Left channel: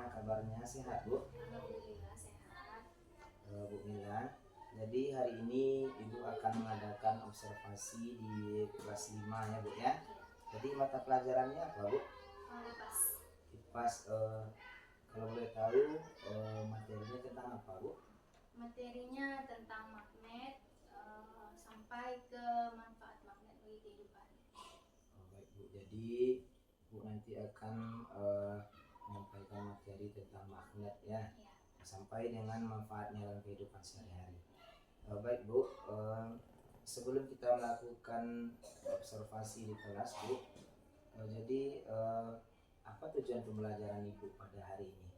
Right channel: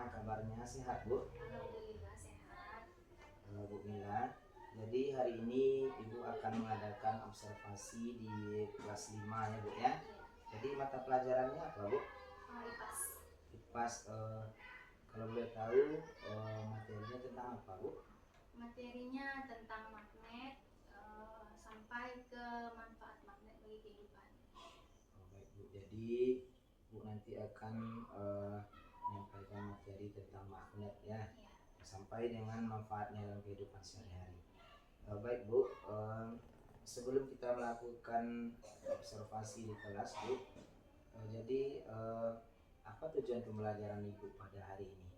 Gimana kabarnya? Sehat, Bu? Alhamdulillah sehat. Bu Mila. Jadi hari ini Ibu akan mengadakan observasi di kelas 5 ya, Bu ya. Jadi mata pelajarannya apa, Bu? IPAS. IPAS. Kalau boleh tahu materinya tentang apa, Bu? Materinya tentang magnet sampai ke manfaat magnet bagi kehidupan. Baik, Bu. Jadi Bu nanti akan menyampaikan materi tentang magnet ya, sampai dengan manfaatnya dalam kehidupan sehari-hari. Baik, Bu. Sebelum kita melakukan observasi di kelas, Bu, jadi apa tujuan pembelajaran Ibu pada hari ini?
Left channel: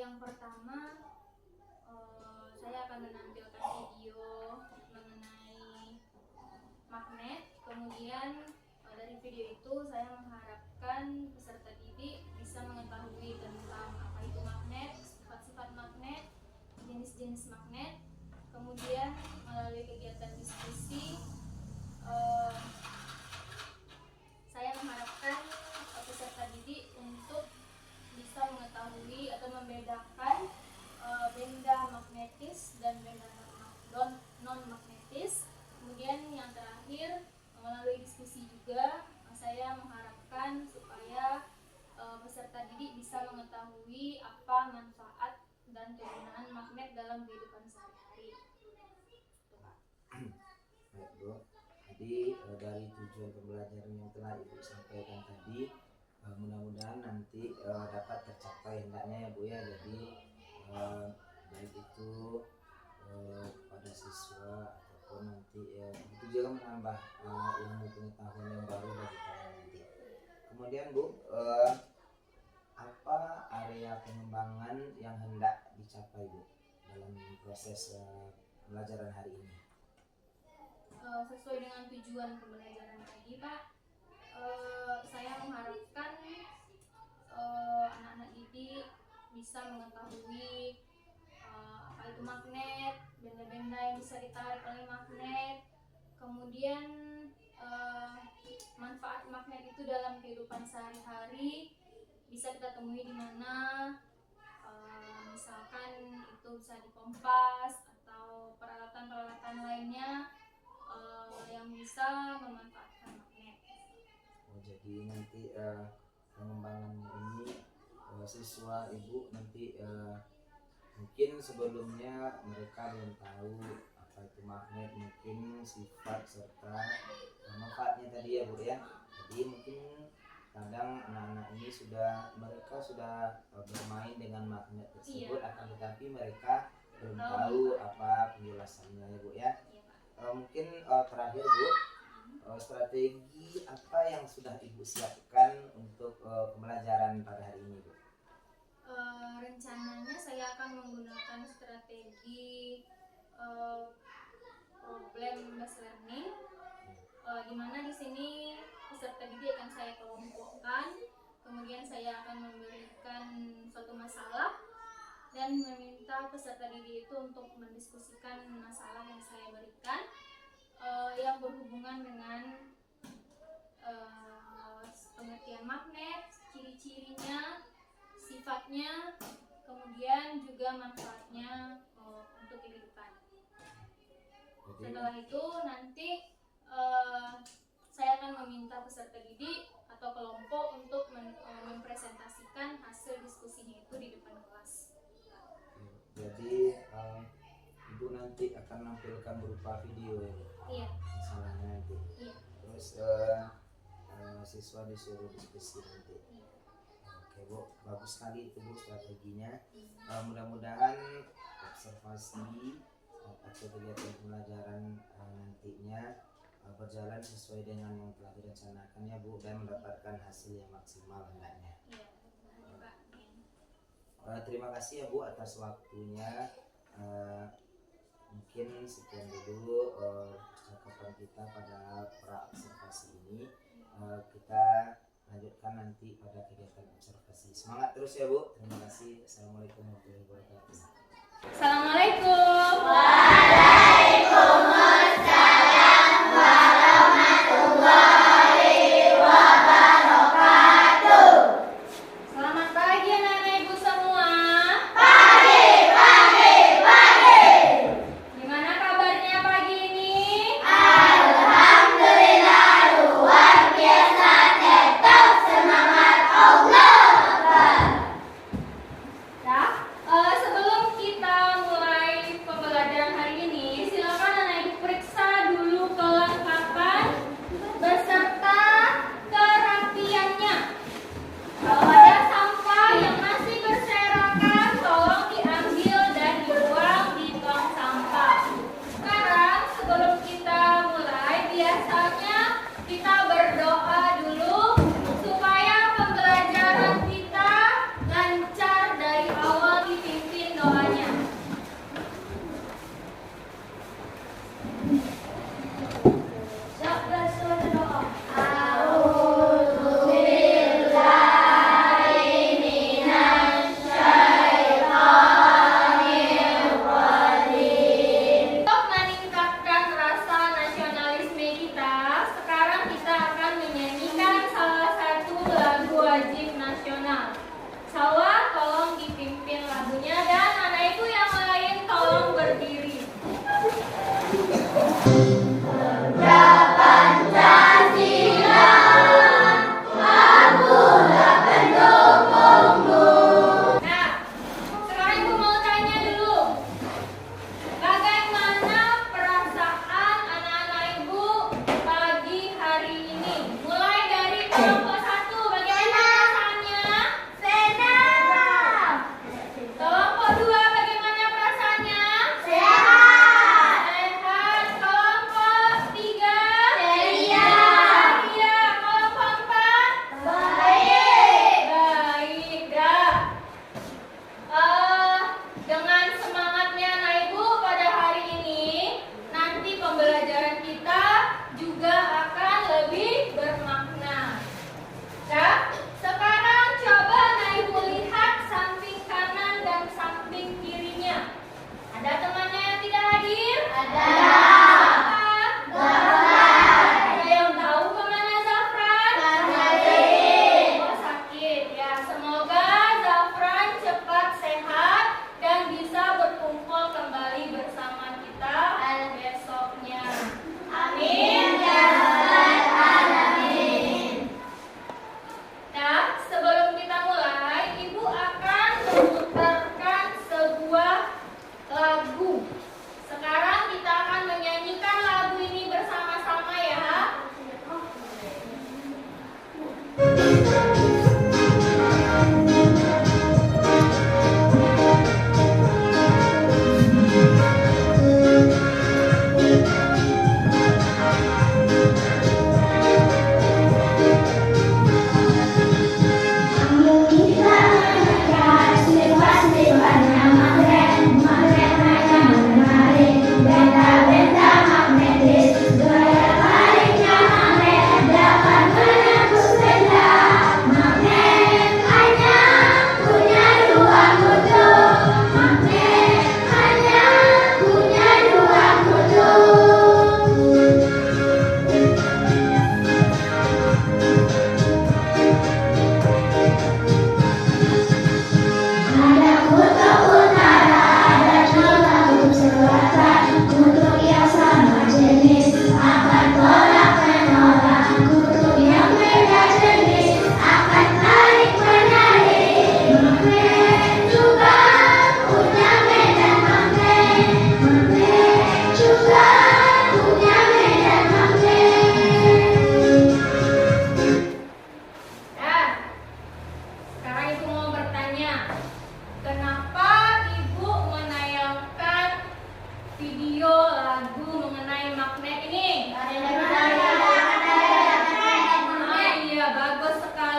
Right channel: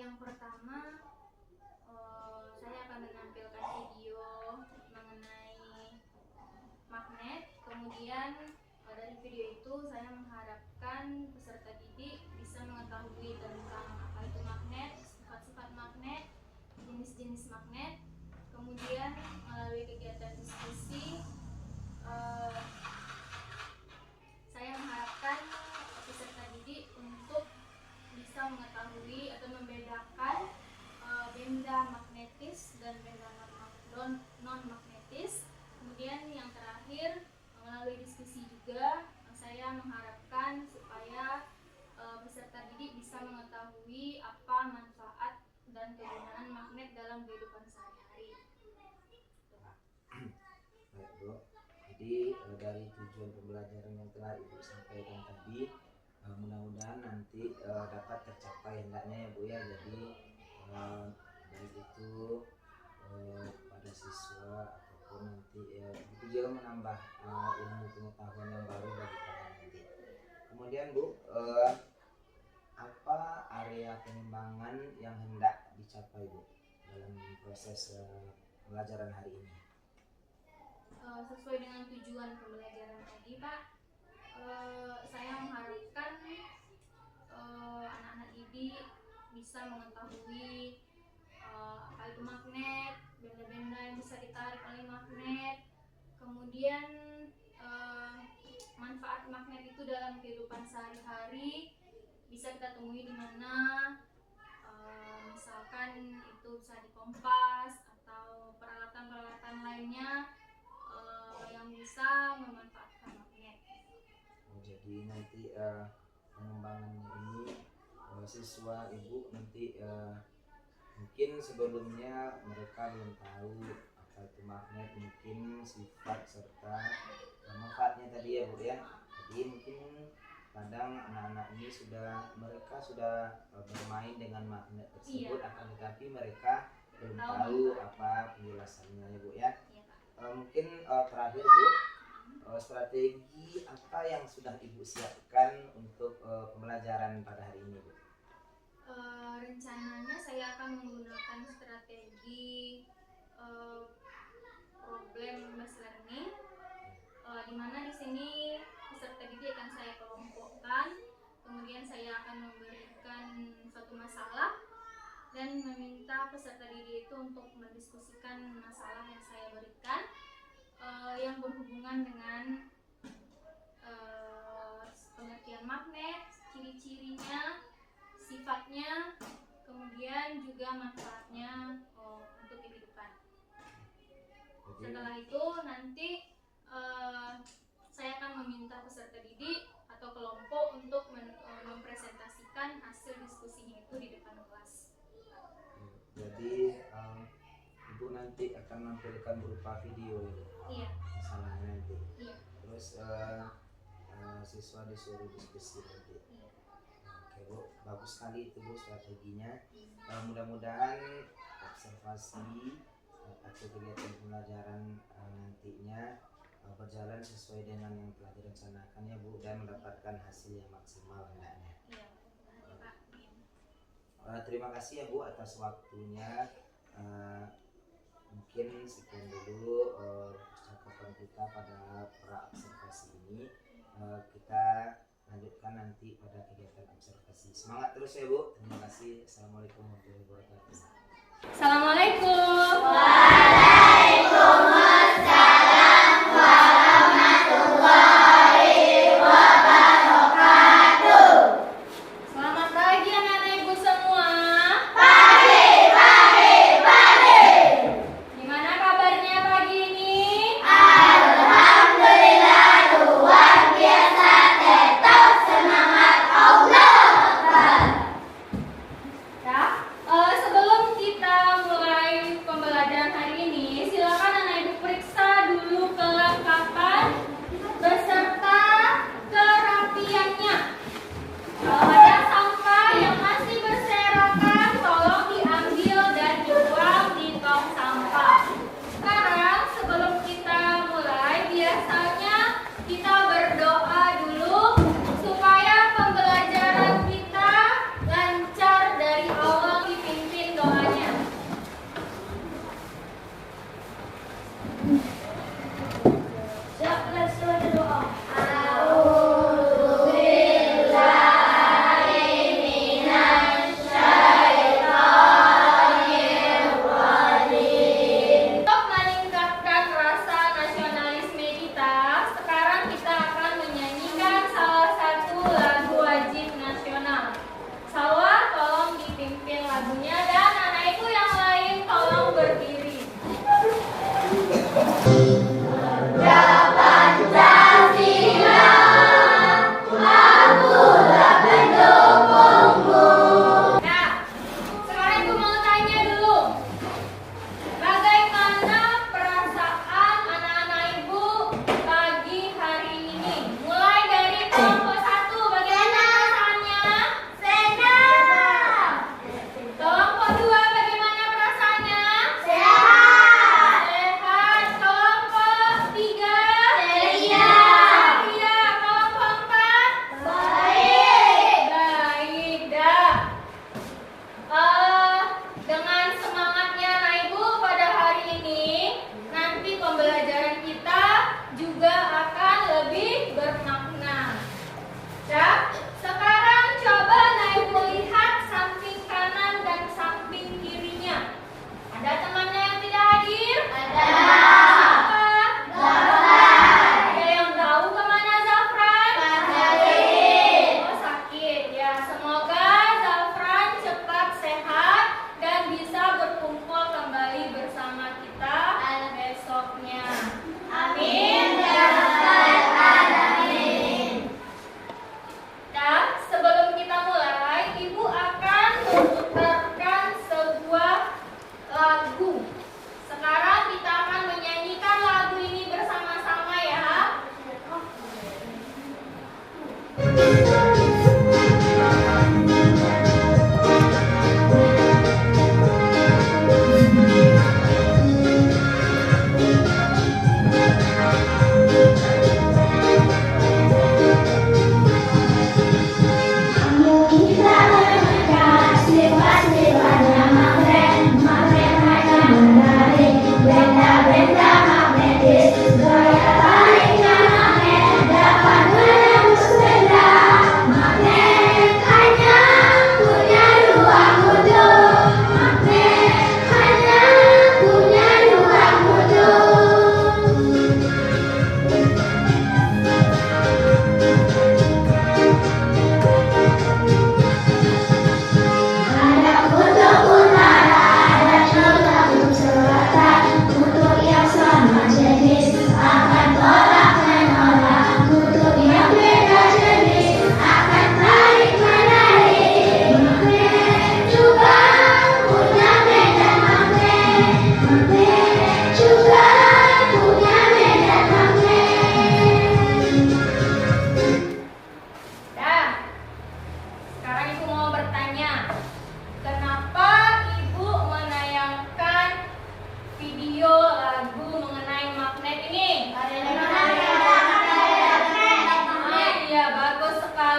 Yang pertama, saya akan menampilkan video mengenai magnet. Kemudian dari video itu saya mengharapkan peserta didik bisa mengetahui tentang apa itu magnet, sifat-sifat magnet, jenis-jenis magnet. Kemudian melalui kegiatan diskusi, saya mengharapkan peserta didik untuk bisa mengetahui atau membedakan benda magnetis dan benda non magnetis. Kemudian yang terakhir, melalui diskusi juga saya mengharapkan supaya peserta didik bisa mengetahui apa manfaat dan kegunaan magnet dalam kehidupan sehari-hari. Baik, Bu. Jadi dari tujuan pembelajaran yang telah Ibu sampaikan tadi, mudah-mudahan nanti dapat tercapai hendaknya ya, Bu ya. Jadi baik itu kepada siswa ataupun nanti itu juga menambah ilmu pengetahuan yang baru bagi kalian nanti. Kemudian, Bu, apa area pengembangan yang hendak dicapai, Bu, dalam proses pembelajaran hari ini? Sesuai dengan tujuan pembelajaran tadi, Pak, saya mengharapkan anak-anak didik bisa mengetahui apa itu magnet, benda-benda yang bisa ditarik oleh magnet, kemudian manfaat magnet itu dalam kehidupan sehari-hari bisa kita temui di mana, misalkan itu bisa di kompas atau peralatan-peralatan lainnya yang bisa memanfaatkan magnet. Jadi nanti pengembangan ini siswa Ibu nanti mungkin sebelumnya mereka belum tahu apa itu magnet, mungkin sifat serta manfaatnya tadi ya, Bu ya. Jadi mungkin kadang anak-anak ini mereka sudah bermain dengan magnet tersebut, akan tetapi mereka belum tahu apa penjelasannya ya, Bu ya. Mungkin terakhir, Bu, strategi apa yang sudah Ibu siapkan untuk pembelajaran pada hari ini, Bu? Rencananya saya akan menggunakan strategi problem based learning, di mana di sini peserta didik akan saya kelompokkan, kemudian saya akan memberikan suatu masalah dan meminta peserta didik itu untuk mendiskusikan masalah yang saya berikan yang berhubungan dengan pengertian magnet, ciri-cirinya, sifatnya, kemudian juga manfaatnya untuk kehidupan. Setelah itu nanti saya akan meminta peserta didik atau kelompok untuk mempresentasikan hasil diskusinya itu di depan kelas. Jadi Ibu nanti akan menampilkan berupa video ya, Bu? Iya. Masalahnya nanti. Iya. Terus siswa disuruh diskusi nanti. Iya. Oke, Bu, bagus sekali itu, Bu, strateginya. Mudah-mudahan observasi atau kegiatan pembelajaran nantinya berjalan sesuai dengan yang telah direncanakan ya, Bu, dan mendapatkan hasil yang maksimal hendaknya. Iya. Terima kasih ya, Bu, atas waktunya. Mungkin sekian dulu percakapan kita pada pra observasi ini. Kita lanjutkan nanti pada kegiatan observasi. Semangat terus ya, Bu. Terima kasih. Assalamualaikum warahmatullahi wabarakatuh. Assalamualaikum. Waalaikumsalam warahmatullahi wabarakatuh. Selamat pagi anak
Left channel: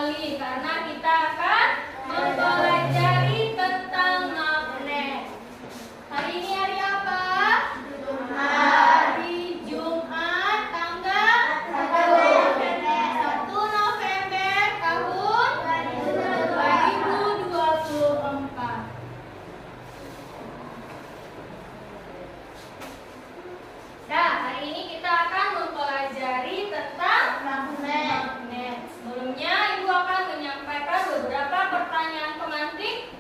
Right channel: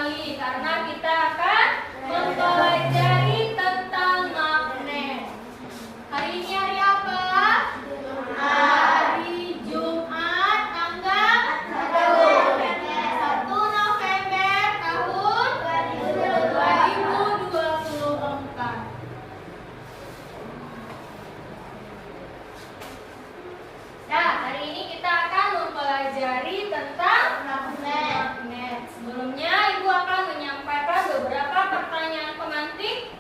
sekali karena kita akan mempelajari tentang magnet. Hari ini hari apa? Hari Jumat tanggal 1 November tahun 2024. Nah, hari ini kita akan mempelajari tentang magnet. Sebelumnya, Ibu akan menyampaikan beberapa pertanyaan pemantik.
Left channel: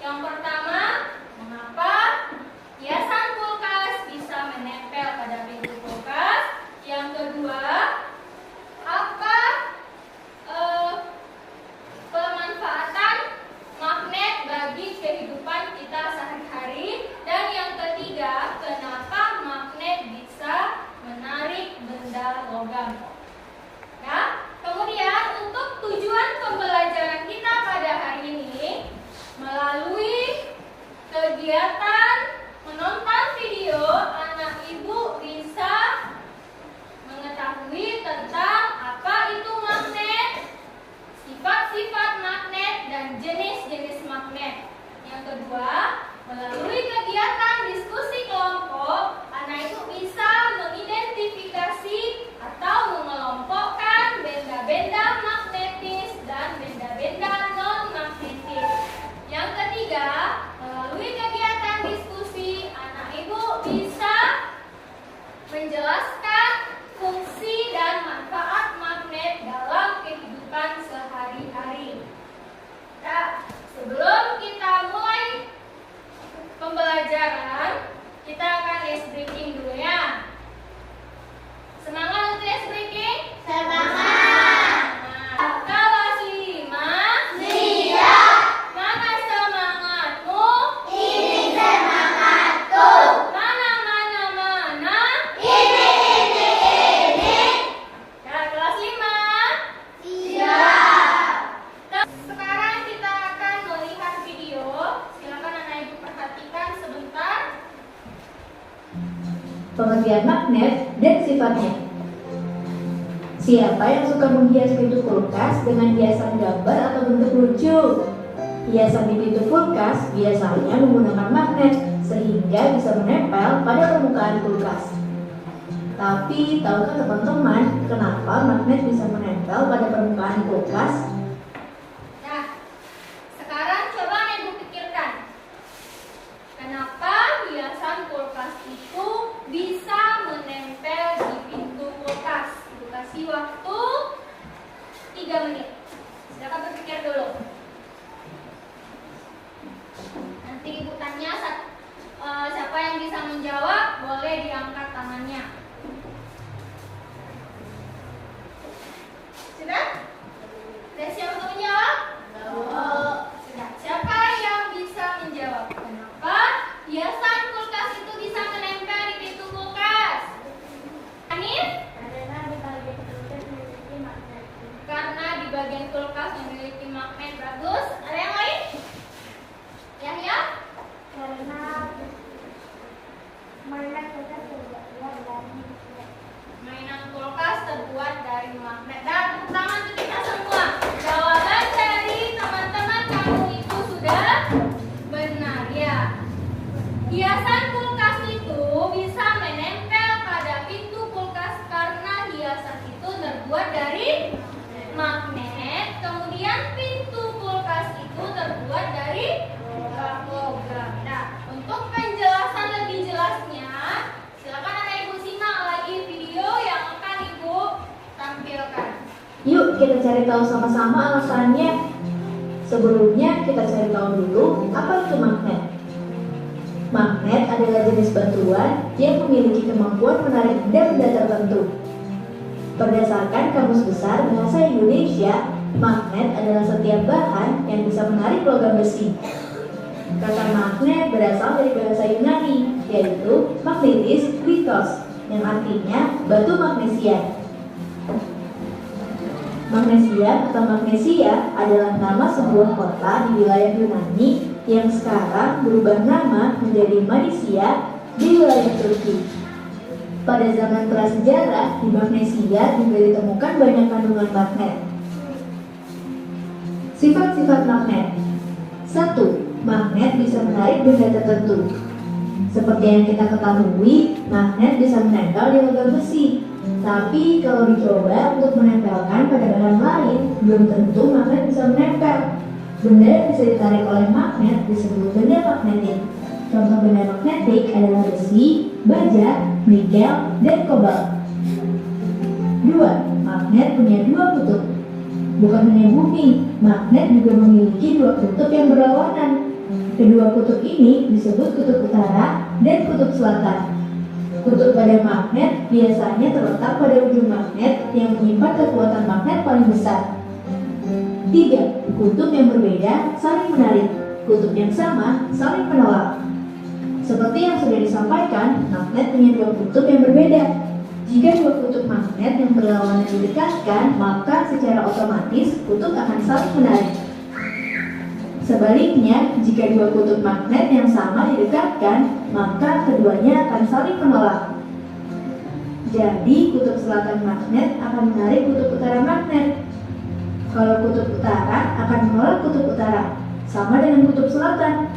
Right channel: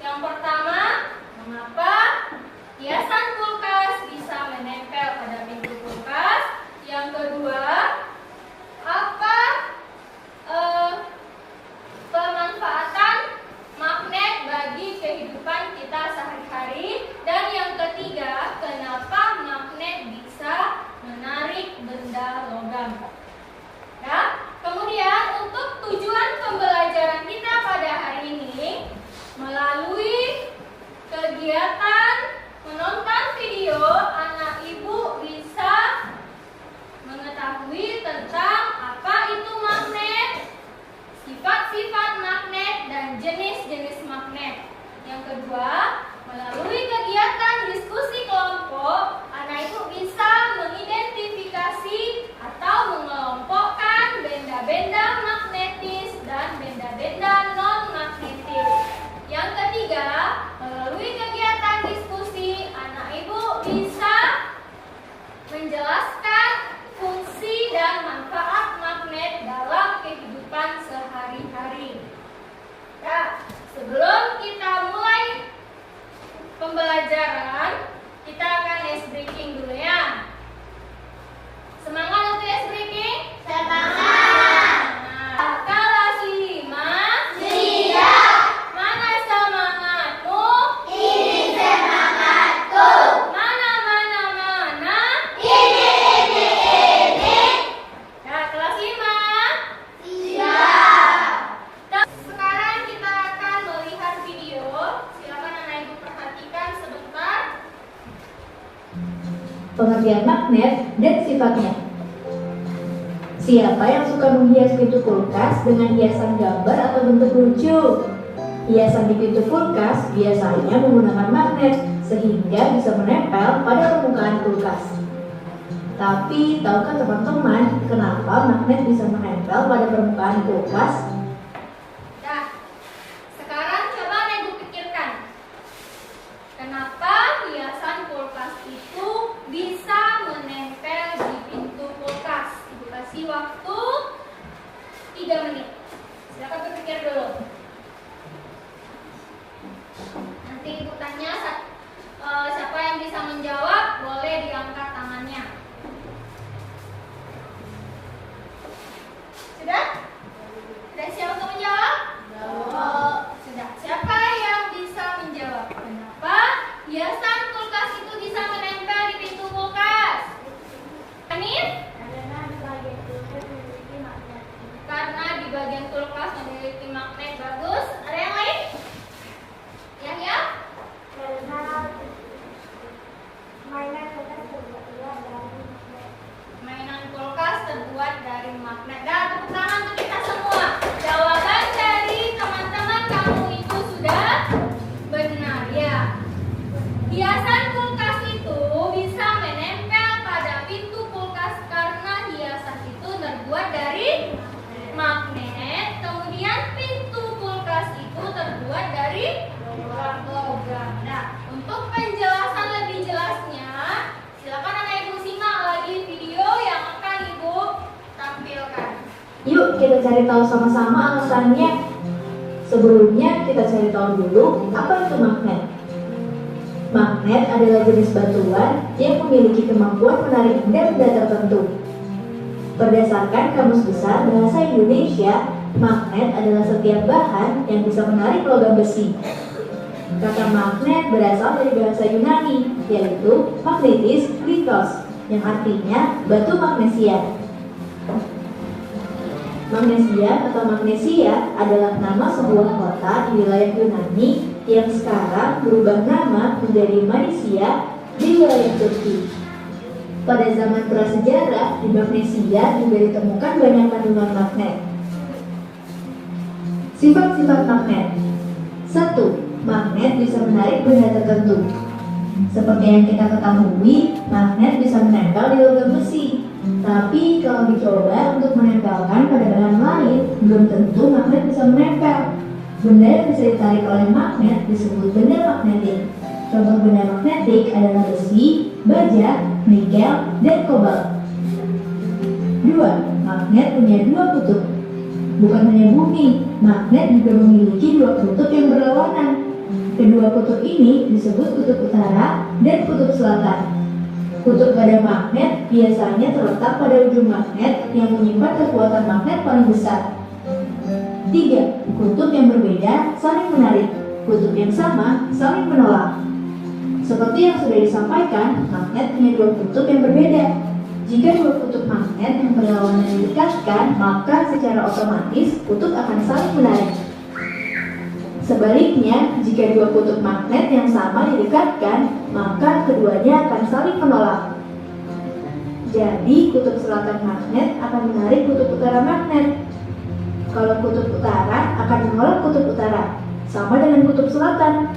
Yang pertama, mengapa hiasan kulkas bisa menempel pada pintu kulkas? Yang kedua, apa pemanfaatan magnet bagi kehidupan kita sehari-hari? Dan yang ketiga, kenapa magnet bisa menarik benda logam? Nah, kemudian untuk tujuan pembelajaran kita pada hari ini melalui kegiatan menonton video, anak ibu bisa mengetahui tentang apa itu magnet, sifat-sifat magnet, dan jenis-jenis magnet. Yang kedua, melalui kegiatan diskusi kelompok, anak ibu bisa mengidentifikasi atau mengelompokkan benda-benda magnetis dan benda-benda non-magnetis. Yang ketiga, melalui kegiatan diskusi, anak ibu bisa menjelaskan fungsi dan manfaat magnet dalam kehidupan sehari-hari. Nah, sebelum kita mulai pembelajaran, kita akan ice breaking dulu ya. Semangat untuk ice breaking? Semangat! Nah, kelas 5 siap! Mana semangatmu? Ini semangatku! Mana? Ini! Nah, kelas 5 siap! Sekarang kita akan melihat video. Silakan anak ibu perhatikan sebentar. Pengertian magnet dan sifatnya. Siapa yang suka menghias pintu kulkas dengan hiasan gambar atau bentuk lucu? Hiasan di pintu kulkas biasanya menggunakan magnet sehingga bisa menempel pada permukaan kulkas. Tapi tahukah teman-teman kenapa magnet bisa menempel pada permukaan kulkas? Nah, sekarang coba ibu pikirkan. Kenapa hiasan kulkas itu bisa menempel di pintu kulkas? Ibu kasih waktu 3 menit. Silakan berpikir dulu. Nanti ibu tanya siapa yang bisa menjawab, boleh diangkat tangannya. Sudah? Sudah siap untuk menjawab? Sudah. Siapa yang bisa menjawab? Kenapa hiasan kulkas itu bisa menempel di pintu kulkas? Anis? Karena di bagian kulkas memiliki magnet. Bagus. Ada yang lain? Yahya? Mainan kulkas terbuat dari magnet. Dan tepuk tangan untuk kita semua. Jawaban dari teman-teman kamu itu sudah benar ya. Hiasan kulkas itu bisa menempel pada pintu kulkas karena hiasan itu terbuat dari magnet. Kemudian pintu kulkas itu terbuat dari logam. Nah, untuk penjelasan lebih jelasnya, silakan anak ibu simak lagi video yang akan ibu tampilkan. Yuk kita cari tahu sama-sama alasannya. Sebelumnya kita cari tahu dulu apa itu magnet. Magnet adalah jenis batuan yang memiliki kemampuan menarik benda tertentu. Berdasarkan Kamus Besar Bahasa Indonesia, magnet adalah setiap bahan yang bisa menarik logam besi. Kata magnet berasal dari bahasa Yunani, yaitu magnetis kritos, yang artinya batu magnesia. Magnesia atau Magnesia adalah nama sebuah kota di wilayah Yunani yang sekarang berubah nama menjadi Manisia di wilayah Turki. Pada zaman prasejarah, di Magnesia juga ditemukan banyak kandungan magnet. Sifat-sifat magnet. 1. Magnet bisa menarik benda tertentu. Seperti yang kita ketahui, magnet bisa menempel di logam besi. Tapi kalau dicoba untuk menempelkan pada bahan lain, belum tentu magnet bisa menempel. Benda yang bisa ditarik oleh magnet disebut benda magnetik. Contoh benda magnetik adalah besi, baja, nikel, dan kobalt. 2. Magnet punya dua kutub. Bukan hanya bumi, magnet juga memiliki dua kutub yang berlawanan. Kedua kutub ini disebut kutub utara dan kutub selatan. Kutub pada magnet biasanya terletak pada ujung magnet yang menyimpan kekuatan magnet paling besar. 3. Kutub yang berbeda saling menarik. Kutub yang sama saling menolak. Seperti yang sudah disampaikan, magnet punya dua kutub yang berbeda. Jika dua kutub magnet yang berlawanan didekatkan, maka secara otomatis kutub akan saling menarik. Sebaliknya, jika dua kutub magnet yang sama didekatkan, maka keduanya akan saling menolak. Jadi, kutub selatan magnet akan menarik kutub utara magnet. Kalau kutub utara akan menolak kutub utara, sama dengan kutub selatan.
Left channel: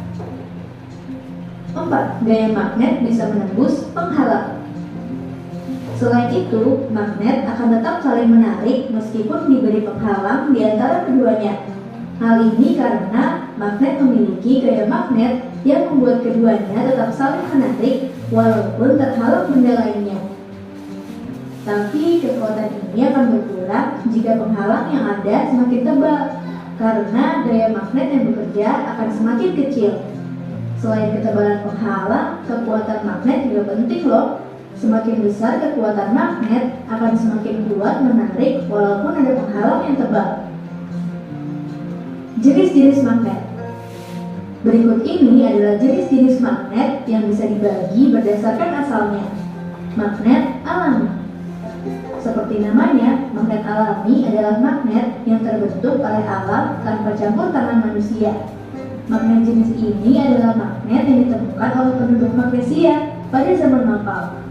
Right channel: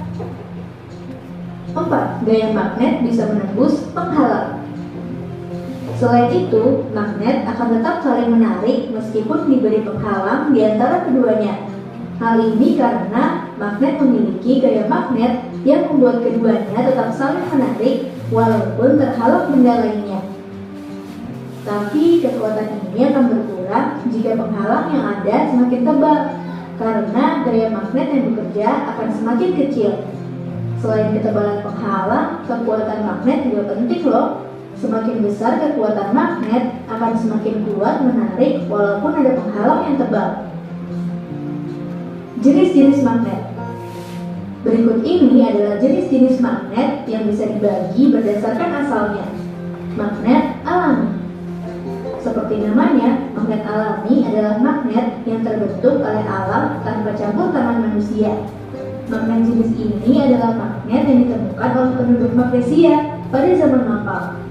4. Gaya magnet bisa menembus penghalang. Selain itu, magnet akan tetap saling menarik meskipun diberi penghalang di antara keduanya. Hal ini karena magnet memiliki gaya magnet yang membuat keduanya tetap saling menarik walaupun terhalang benda lainnya. Tapi kekuatan ini akan berkurang jika penghalang yang ada semakin tebal, karena gaya magnet yang bekerja akan semakin kecil. Selain ketebalan penghalang, kekuatan magnet juga penting loh. Semakin besar kekuatan magnet akan semakin kuat menarik walaupun ada penghalang yang tebal. Jenis-jenis magnet. Berikut ini adalah jenis-jenis magnet yang bisa dibagi berdasarkan asalnya. Magnet alami. Seperti namanya, magnet alami adalah magnet yang terbentuk oleh alam tanpa campur tangan manusia. Magnet jenis ini adalah magnet yang ditemukan oleh penduduk Magnesia pada zaman lampau.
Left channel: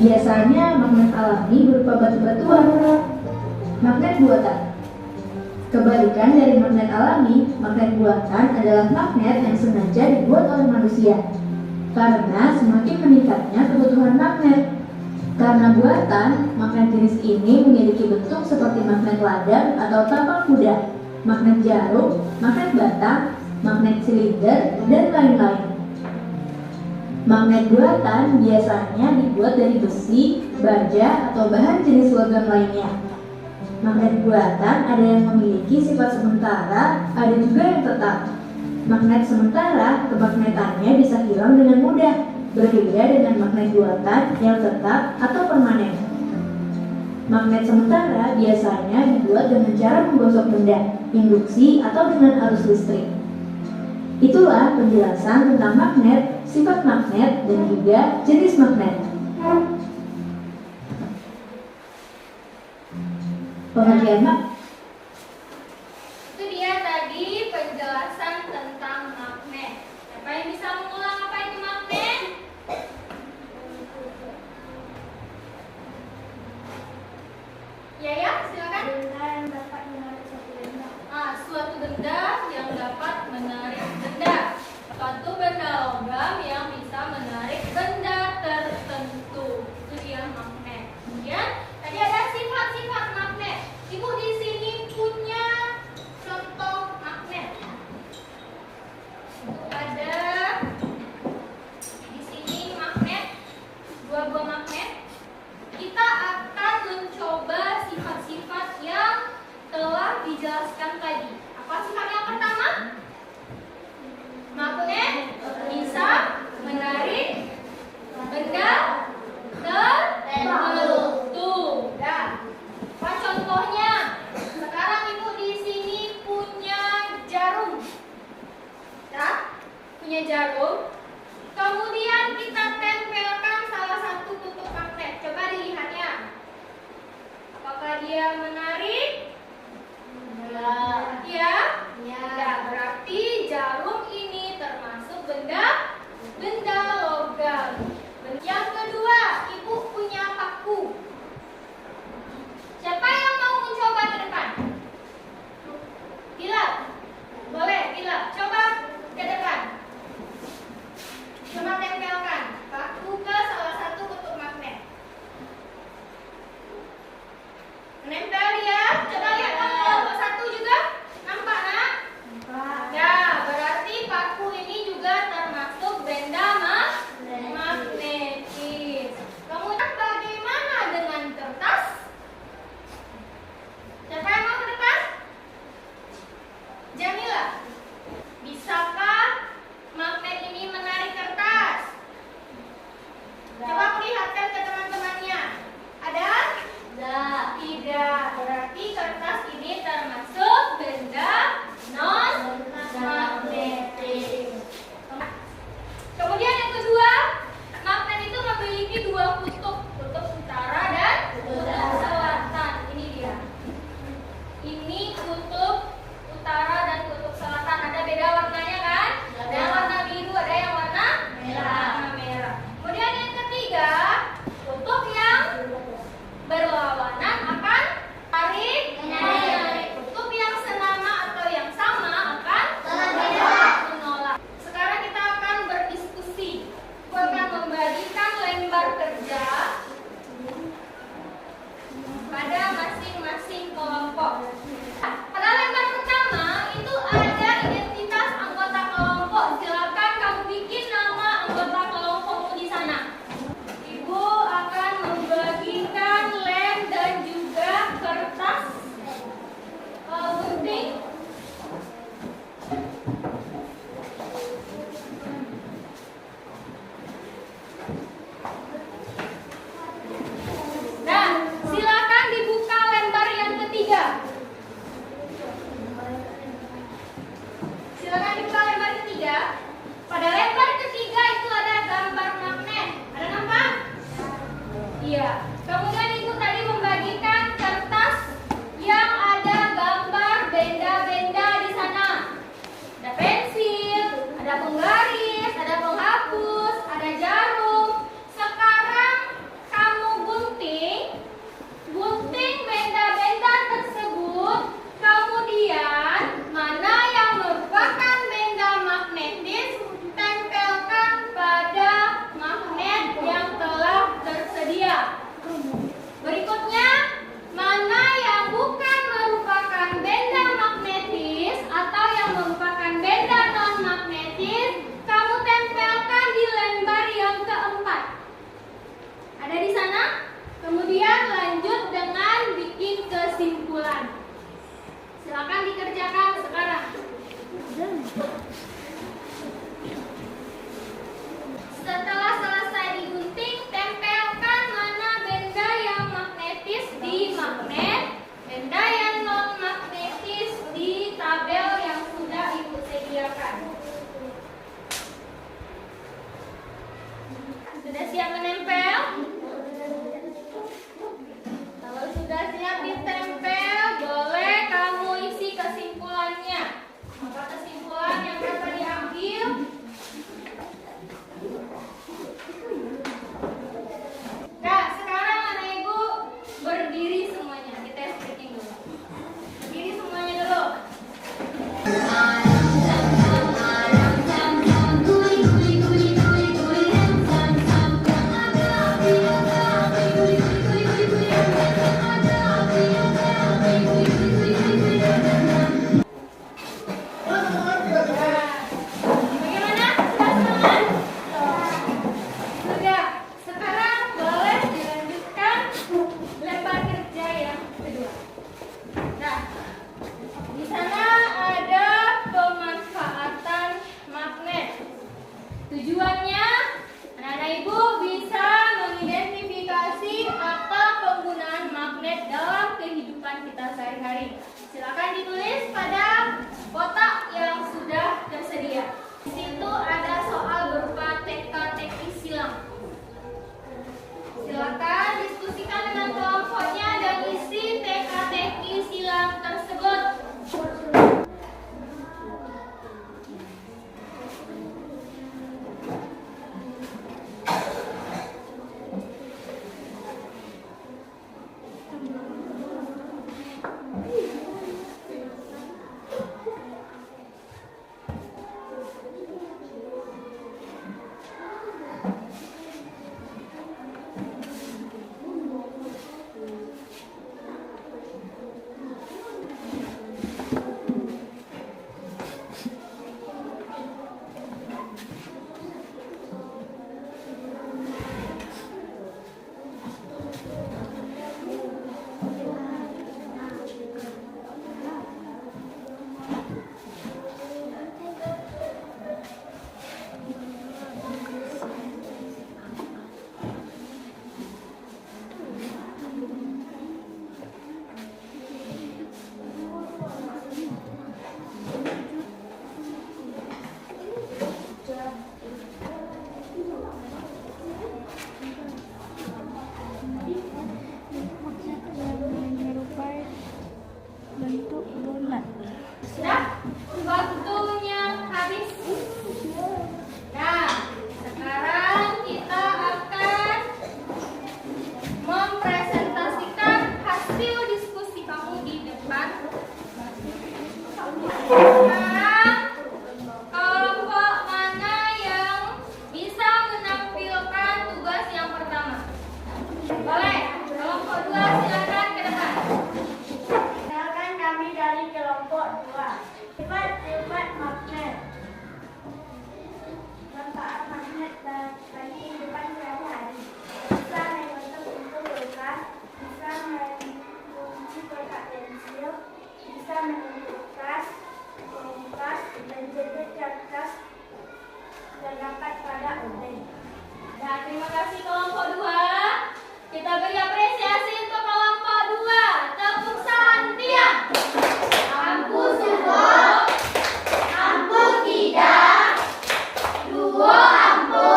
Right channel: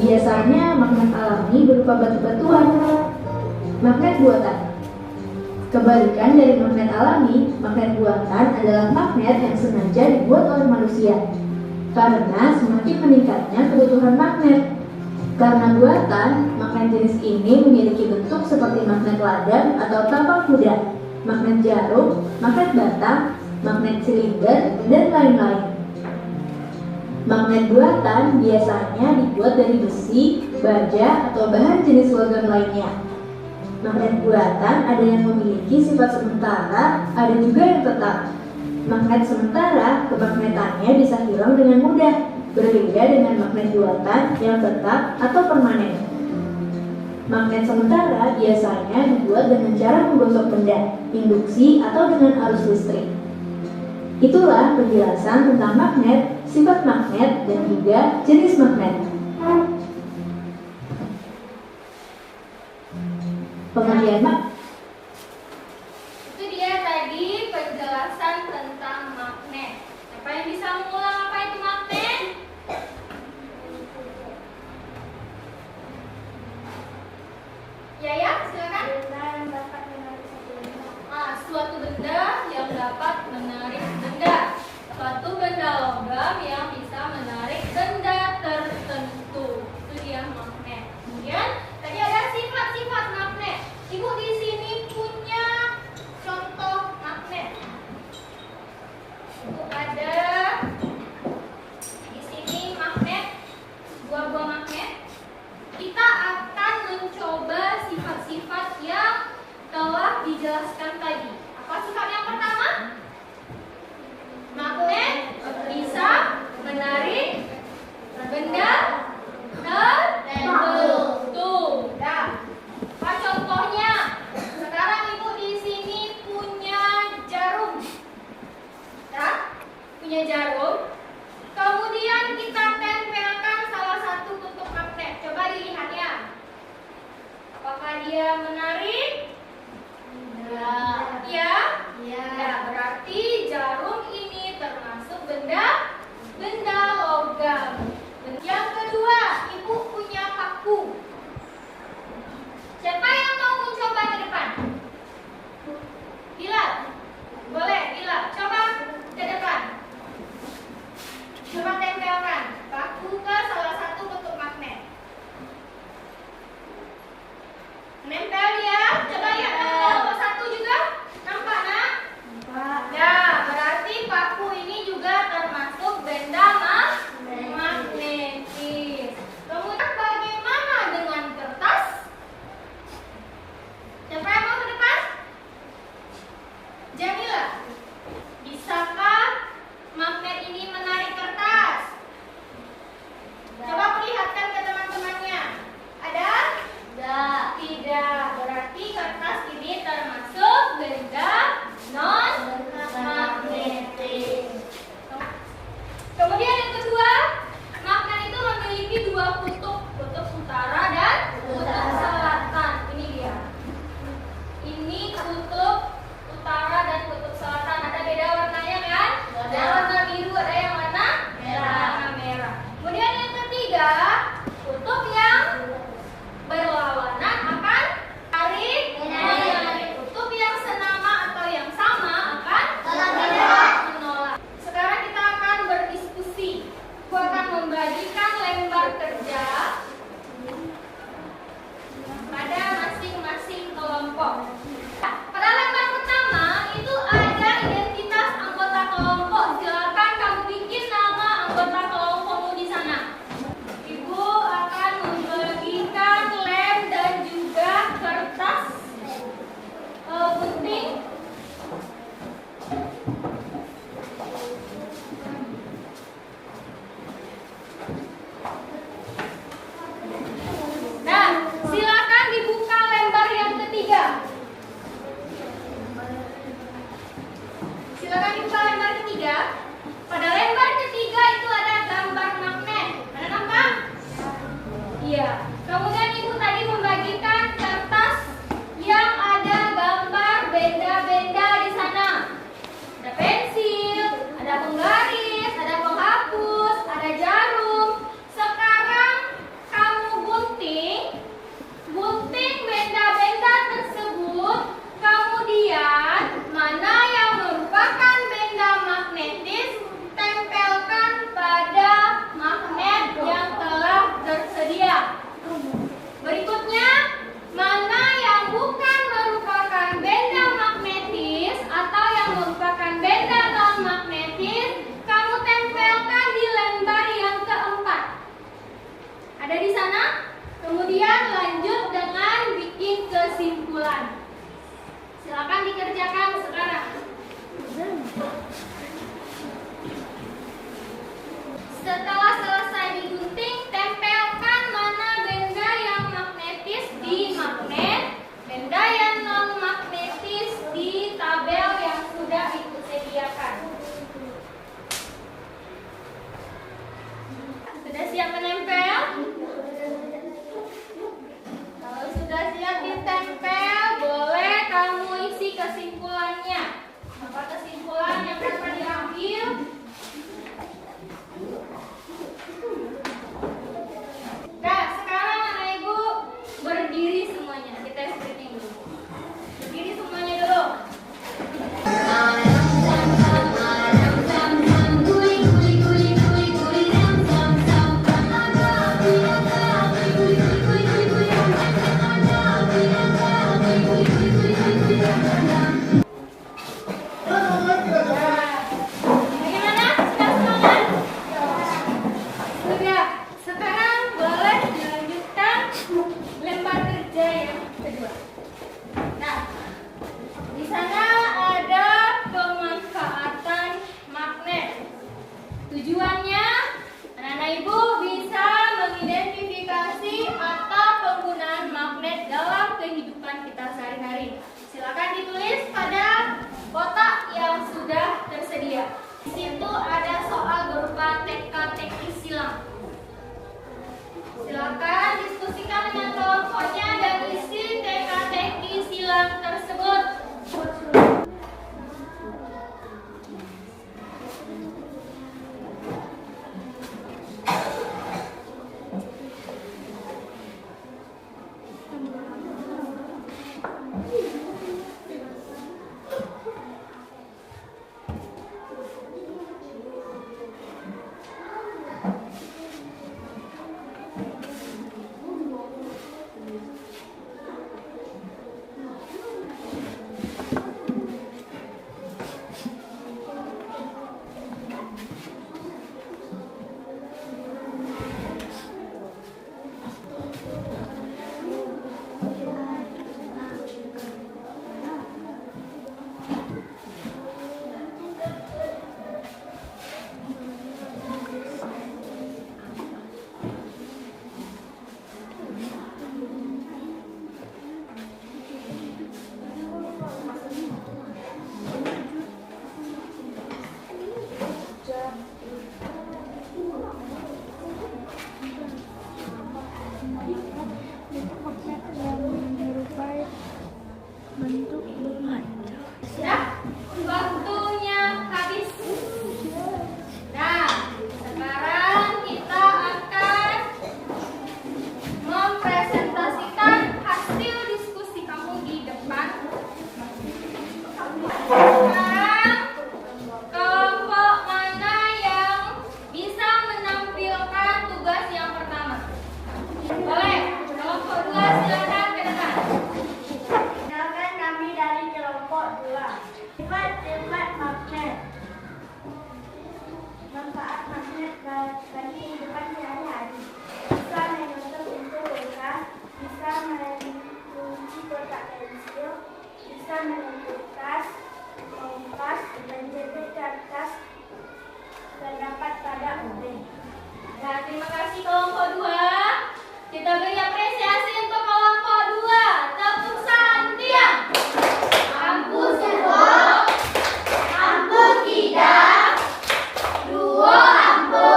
Biasanya magnet alami berupa batu-batuan. Magnet buatan. Kebalikan dari magnet alami, magnet buatan adalah magnet yang sengaja dibuat oleh manusia. Karena semakin meningkatnya kebutuhan magnet. Karena buatan, magnet jenis ini memiliki bentuk seperti magnet ladang atau tapak kuda, magnet jarum, magnet batang, magnet silinder, dan lain-lain. Magnet buatan biasanya dibuat dari besi, baja, atau bahan jenis logam lainnya. Magnet buatan ada yang memiliki sifat sementara, ada juga yang tetap. Magnet sementara, kemagnetannya bisa hilang dengan mudah, berbeda dengan magnet buatan yang tetap atau permanen. Magnet sementara biasanya dibuat dengan cara menggosok benda, induksi, atau dengan arus listrik. Itulah penjelasan tentang magnet, sifat magnet, dan juga jenis magnet. Pengertian magnet. Itu dia tadi penjelasan tentang magnet. Siapa yang bisa mengulang apa itu magnet? Ya, silakan. Suatu benda yang dapat menarik benda. Suatu benda logam yang bisa menarik benda tertentu. Itu dia magnet. Kemudian tadi ada sifat-sifat magnet. Ibu di sini punya contoh magnet. Itu ada di sini magnet, dua buah magnet. Kita akan mencoba sifat-sifat yang telah dijelaskan tadi. Apa sifat yang pertama? Magnet bisa menarik benda tertentu. Apa contohnya? Sekarang ibu di sini punya jarum. Punya jarum. Kemudian kita tempelkan salah satu kutub magnet. Coba dilihat ya. Apakah dia menarik? Ya. Ya, berarti jarum ini termasuk benda logam. Yang kedua, ibu punya paku. Siapa yang mau mencoba di depan? Bilal. Kelompok 2. Sifat-sifat magnet. Manfaat magnet bagi kehidupan sehari-hari. Bisa membentuk pintu kulkas, bisa melindungi kotak pensil, bisa menentukan kompas dan juga kertas terdapat pada obeng. Nah, terima kasih kelompok 2. Kita beri apresiasi untuk kelompok 2. Tepuk santian. Ampu suwo, ampu tidak, duo ampu,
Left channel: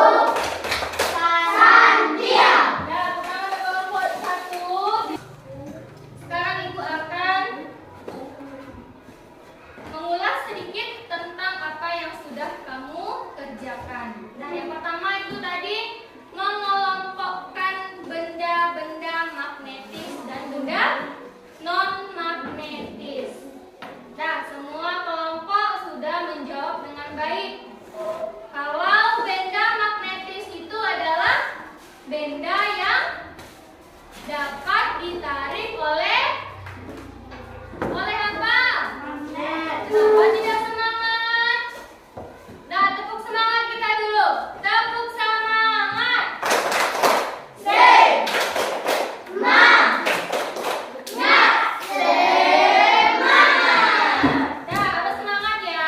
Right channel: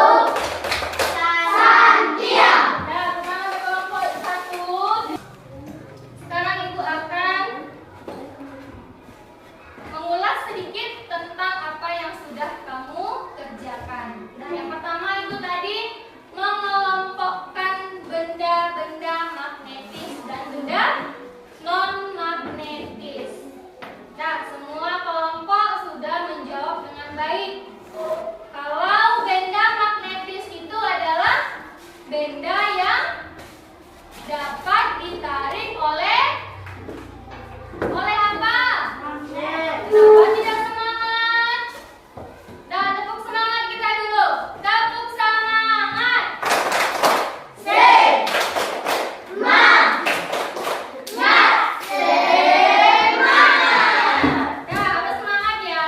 santiang. Nah, sekarang ada kelompok 1. Sekarang Ibu akan mengulas sedikit tentang apa yang sudah kamu kerjakan. Nah, yang pertama itu tadi mengelompokkan benda-benda magnetis dan benda non-magnetis. Nah, semua kelompok sudah menjawab dengan baik. Kalau benda magnetis itu adalah benda yang dapat ditarik oleh apa? Magnet. Kenapa tidak semangat? Nah, tepuk semangat kita dulu. Tepuk semangat. Nah, harus semangat ya.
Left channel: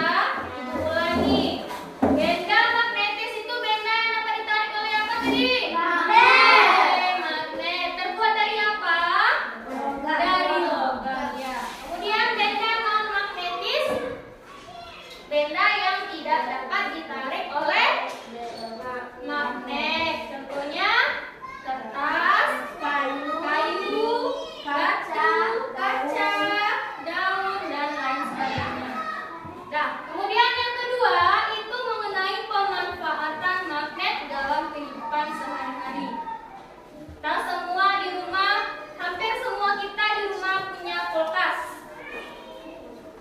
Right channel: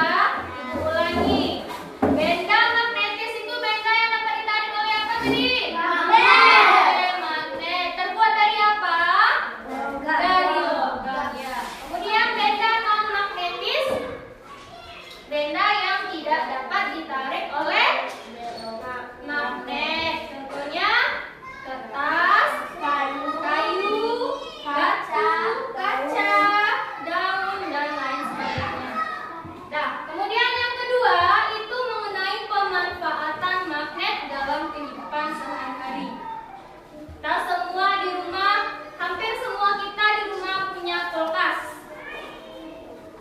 Ibu ulangi. Benda magnetis itu benda yang dapat ditarik oleh apa tadi? Magnet. Magnet. Terbuat dari apa? Dari logam ya. Kemudian benda non magnetis, benda yang tidak dapat ditarik oleh magnet. Contohnya kertas, kayu, kaca, daun dan lain sebagainya. Nah, kemudian yang kedua itu mengenai pemanfaatan magnet dalam kehidupan sehari-hari. Kita semua di rumah, hampir semua kita di rumah punya kulkas.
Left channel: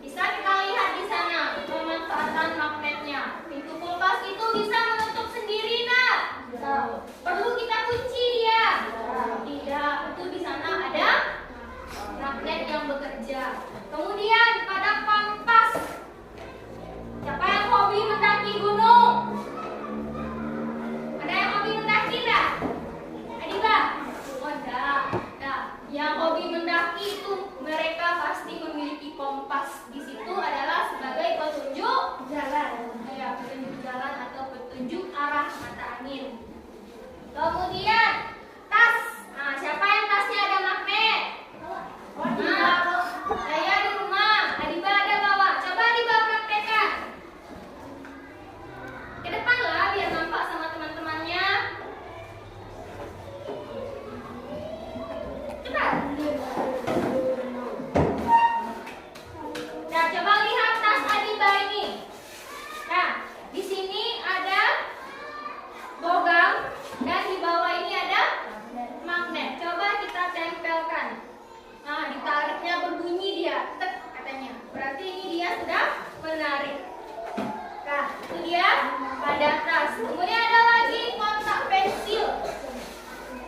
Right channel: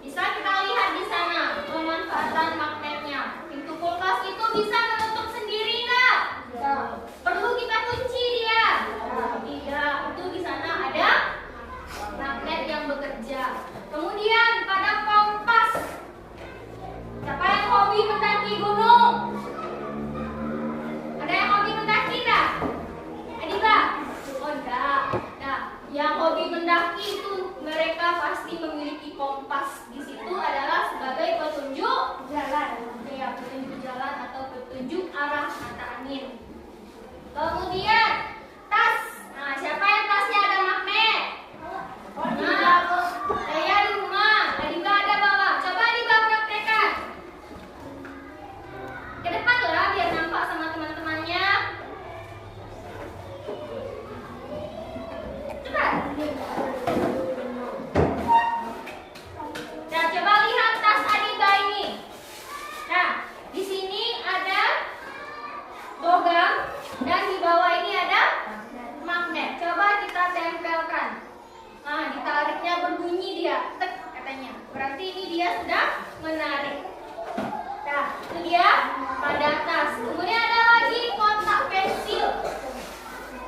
Bisa kita lihat di sana pemanfaatan magnetnya. Pintu kulkas itu bisa menutup sendiri nggak? Perlu kita kunci dia? Tidak. Itu di sana ada magnet yang bekerja. Kemudian pada kompas. Siapa yang hobi mendaki gunung? Ada yang hobi mendaki nggak? Adiba? Oh enggak. Nah, yang hobi mendaki itu mereka pasti memiliki kompas. Di situ adalah sebagai petunjuk Jalan. ya, petunjuk jalan atau petunjuk arah mata angin. Kemudian tas. Nah, siapa yang tasnya ada magnet? Nah, saya di rumah. Adiba ada bawa. Coba Adiba praktekkan. Ke depan lah biar nampak sama teman-temannya. Cepat. Nah, coba lihat tas Adiba ini. Nah, di sini ada logam dan di bawah ini ada magnet. Coba kita tempelkan. Nah, ditariknya berbunyi dia, tek katanya. Berarti ini dia sudah menarik. Nah, itu dia pada tas. Kemudian ada lagi kotak pensil.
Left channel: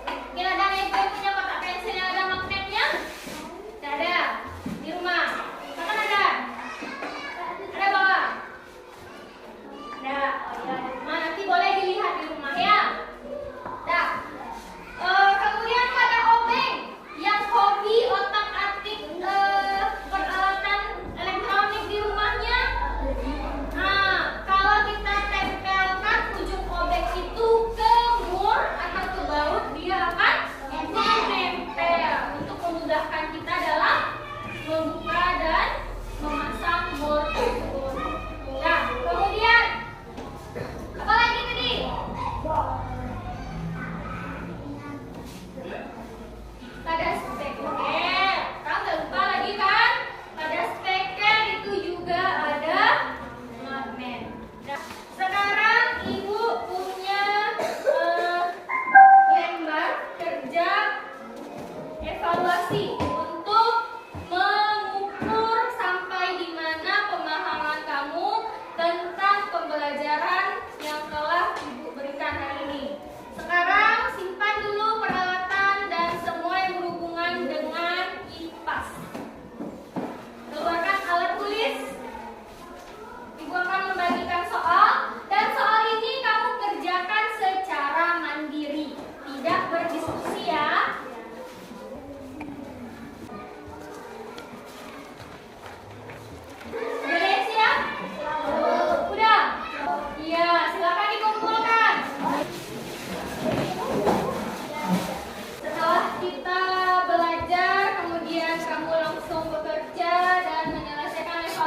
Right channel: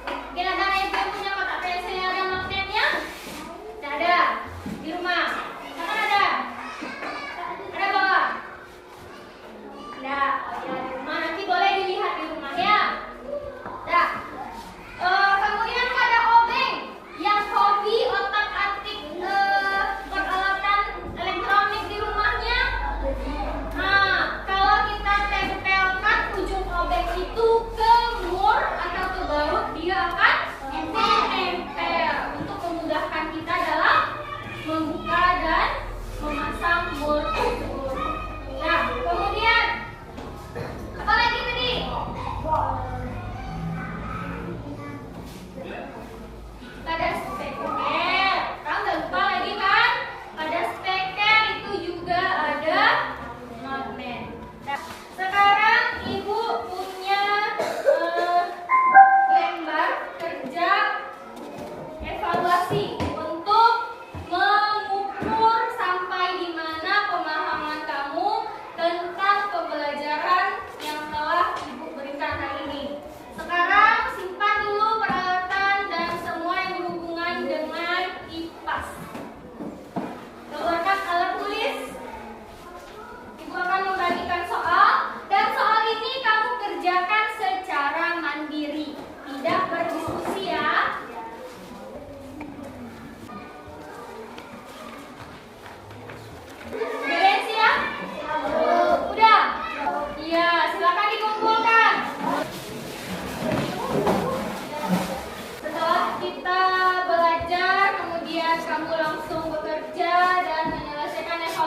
Mungkin ada yang punya kotak pensil yang ada magnetnya? Tidak ada di rumah. Mana ada? Ada bawa? Ada. Oh ya, di rumah. Nanti boleh dilihat di rumah ya. Nah, kemudian ada obeng yang hobi otak-atik peralatan elektronik di rumahnya. Nah, kalau kita tempelkan ujung obeng itu ke mur atau ke baut, dia akan nempel untuk memudahkan kita dalam membuka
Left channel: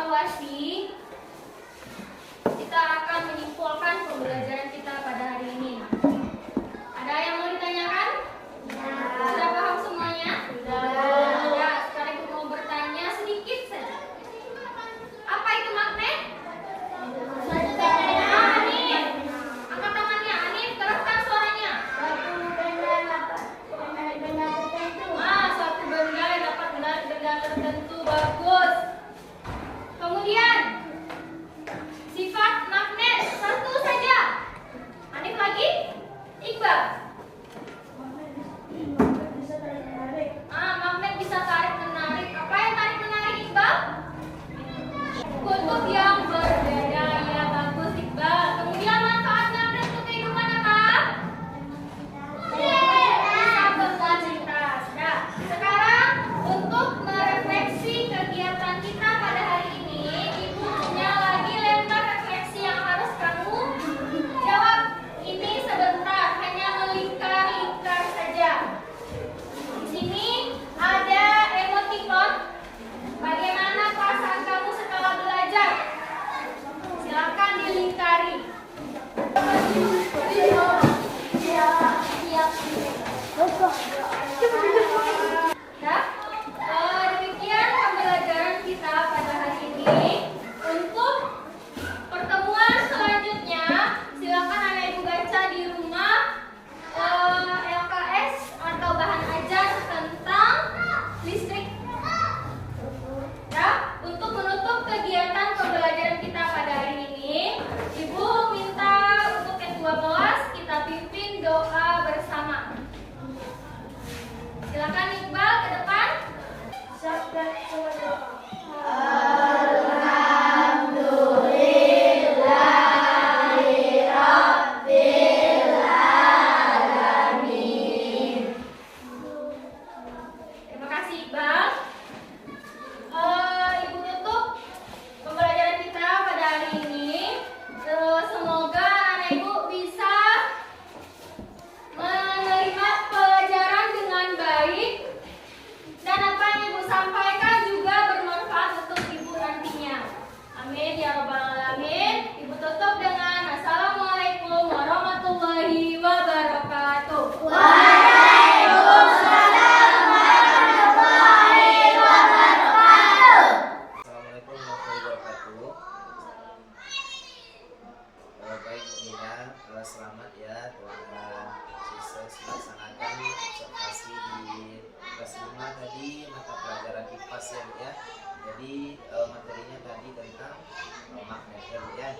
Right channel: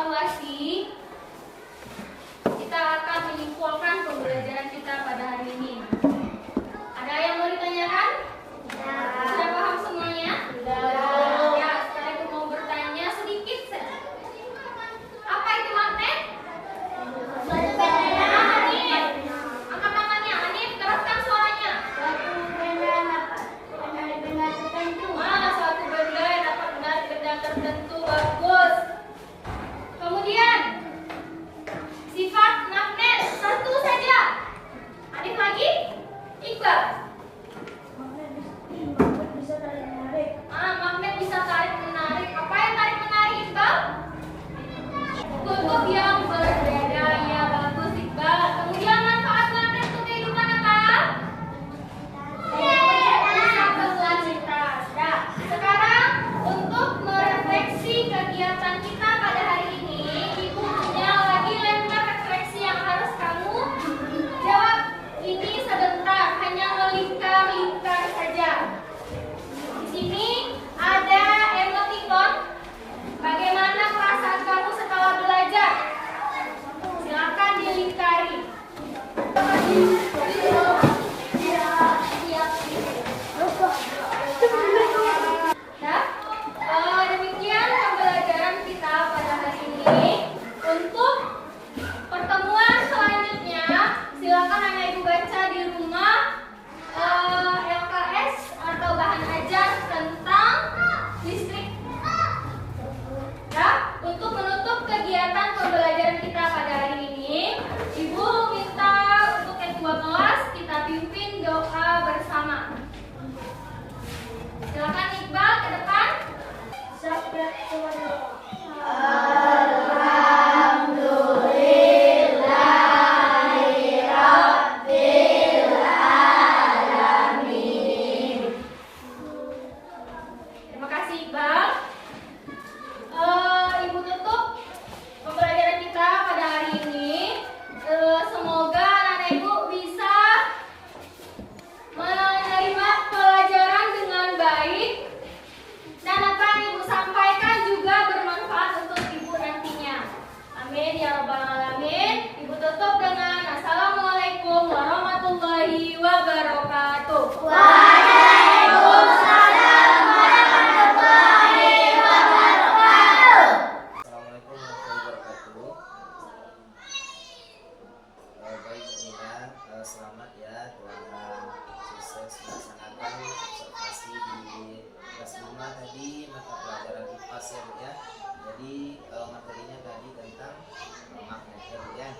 evaluasi, kita akan menyimpulkan pembelajaran kita pada hari ini. Ada yang mau ditanyakan? Sudah paham semuanya? Ya, sekarang Ibu mau bertanya sedikit saja. Apa itu magnet? Anif. Angkat tangannya, Anif, keraskan suaranya. Suatu benda yang dapat menarik benda tertentu. Bagus. Kemudian sifat magnet satu saja. Anif lagi? Iqbal. Magnet bisa tarik menarik. Apa yang tarik menarik, Iqbal? Kutub yang berbeda. Ya, bagus Iqbal. Kemudian manfaat magnet untuk kehidupan apa? Bisa beraktivitas. Nah, sekarang untuk merefleksi kegiatan kita pada hari ini, Ibu punya lagi lembar refleksi yang harus kamu jawab. Ini sebentar, hanya melingkar-lingkar saja. Di sini ada emoticon. Bagaimana perasaan kamu setelah belajar? Silakan dilingkari. Nah, demikian pembelajaran kita pada hari ini. Untuk pertemuan selanjutnya, silakan anak ibu baca di rumah LKS atau bahan ajar tentang listrik. Ya, untuk menutup kegiatan pembelajaran kita pada hari ini, Ibu minta untuk ketua kelas kita pimpin doa bersama. Silakan Iqbal ke depan. Terima kasih Iqbal. Ibu tutup pembelajaran kita pada hari ini. Semoga anak ibu bisa menerima pelajaran dengan baik dan apa yang ibu sampaikan juga bermanfaat untuk ibu nantinya. Amin ya robbal alamin. Ibu tutup dengan assalamualaikum warahmatullahi wabarakatuh. Assalamualaikum warahmatullahi wabarakatuh. Baik Nina, selamat ya telah sukses melaksanakan observasi di kelas 5 tadi mata pelajaran IPAS ya Bu ya. Jadi materinya tadi tentang magnet ya Bu ya.